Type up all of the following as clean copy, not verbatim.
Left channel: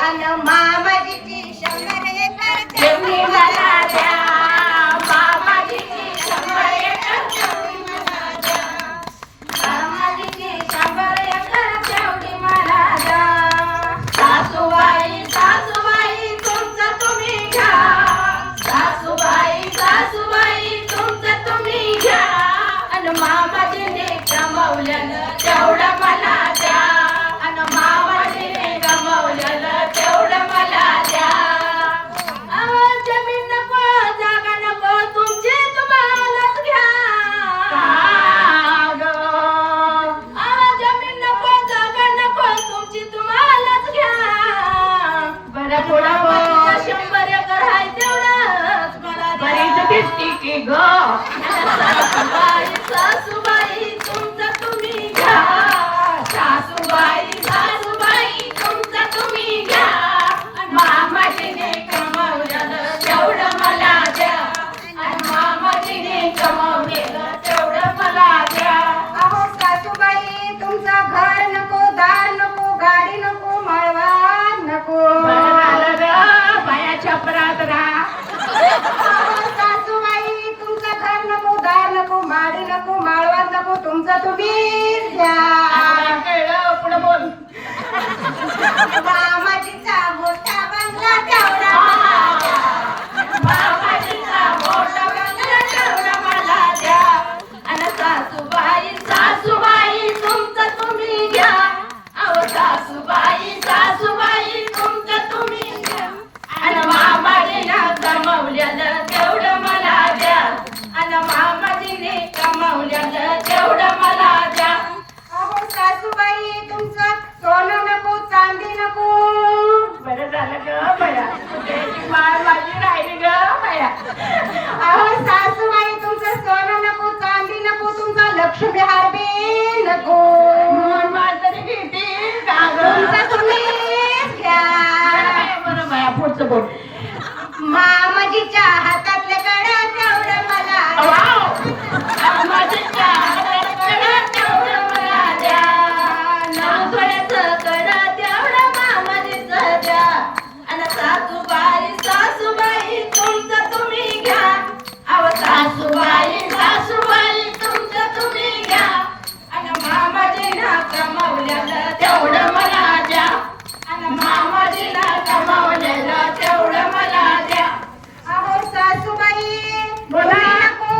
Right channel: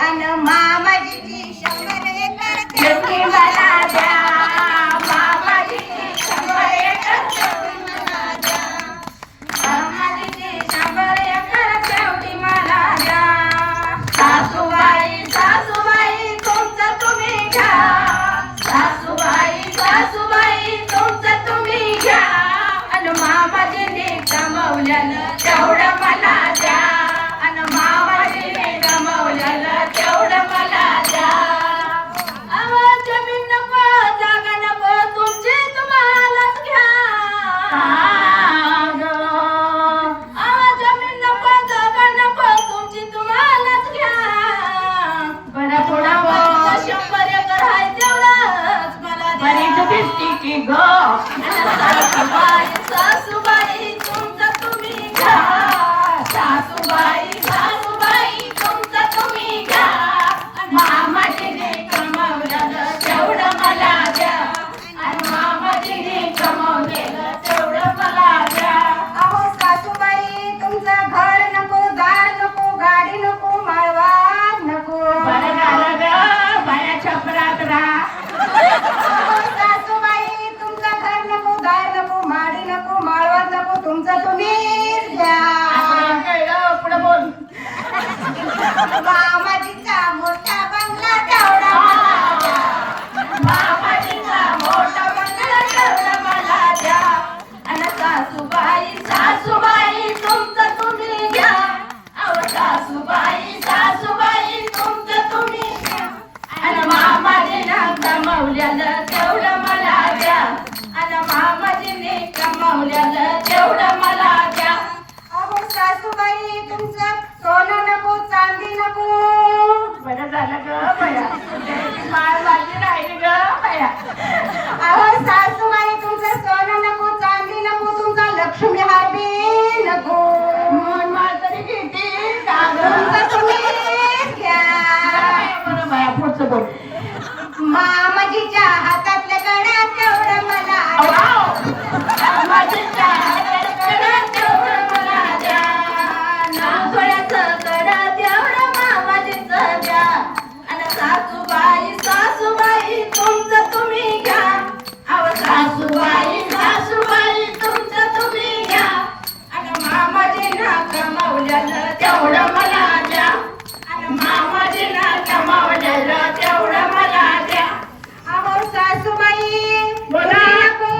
अन मामाजीची 100 acre तेवढी मला द्या, मामाजीची 100 एकर तेवढी मला द्या. मामाजीची 100 एकर तेवढी मला द्या. सासूबाई सासूबाई तुमचं तुम्ही घ्या, सासूबाई सासूबाई तुमचं तुम्ही घ्या. अन मामाजीने कमवलेलं तेवढं मला द्या, अन मामाजीने कमवलेलं तेवढं मला द्या. अहो जमीन नको जागा नको तुमची तुम्हालाच घ्या. अहो जमीन नको जागा नको तुमची तुम्हालाच घ्या. बरं थोडा बहुत 100 एकर आहे तेवढंच मला द्या. की ग सासूबाई सासूबाई तुमचं तुम्ही घ्या, सासूबाई सासूबाई तुमचं तुम्ही घ्या. मामाजीने कमवलेलं तेवढं मला द्या, मामाजीने कमवलेलं तेवढं मला द्या. अहो सासूबाई तुमचं घर नको, दार नको, गाडी नको, माळवा नको. बरं झालं ग बाया छपरात राहा. अहो सासूबाई तुमचं घर नको, दार नको, माडी नको, माळवा नको, तुमचं तुम्हीच घ्या. कळलं पुढं बोल. मामाजीचा मोठा बंगला तेवढा मला द्या. मामाजीचा मोठा बंगला तेवढा मला द्या. अन सासूबाई सासूबाई तुमचं तुम्ही घ्या. अहो सासूबाई सासूबाई तुमचं तुम्ही घ्या. अन मामाजीनं कमवलेलं तेवढं मला द्या, अन मामाजीने कमवलेलं तेवढं मला द्या. अहो सासूबाई तुमचं सोनं नको, चांदी नको. बरं झालं ग बया, तुझी माळ माझी राहिली ग बया. अहो सासूबाई तुमचं सोनं नको, चांदी नको, तुमचा लक्ष्मी हार बी नको. माळ तरी घेतील का ग? तुमचं तुम्हीच घ्या. बरं बाया पुढचं बोल. मामाजीच्या हातातलं कड्या तेवढं मला द्या. माझ्या हातातलं तेवढं मला द्या, नागोड्याचं कडं तेवढं मामाजीचं द्या. आणि सासूबाई सासूबाई तुमचं तुम्ही घ्या. अहो सासूबाई सासूबाई तुमचं तुम्ही घ्या. आणि मामाजीनं कमवलेलं तेवढं मला द्या, आणि मामाजीनं कमवलेलं तेवढं मला द्या. अहो सासूबाई बोला. तुम्ही नको.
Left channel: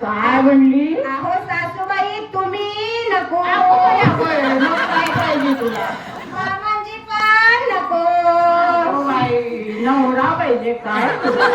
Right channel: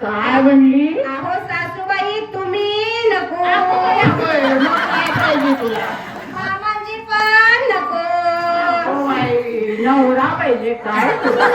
काय म्हणली? अहो सासूबाई तुम्ही नको. मग काय पाहिजे तुला? मामाजी पण नको. नवरा पाहिजे काय तुला?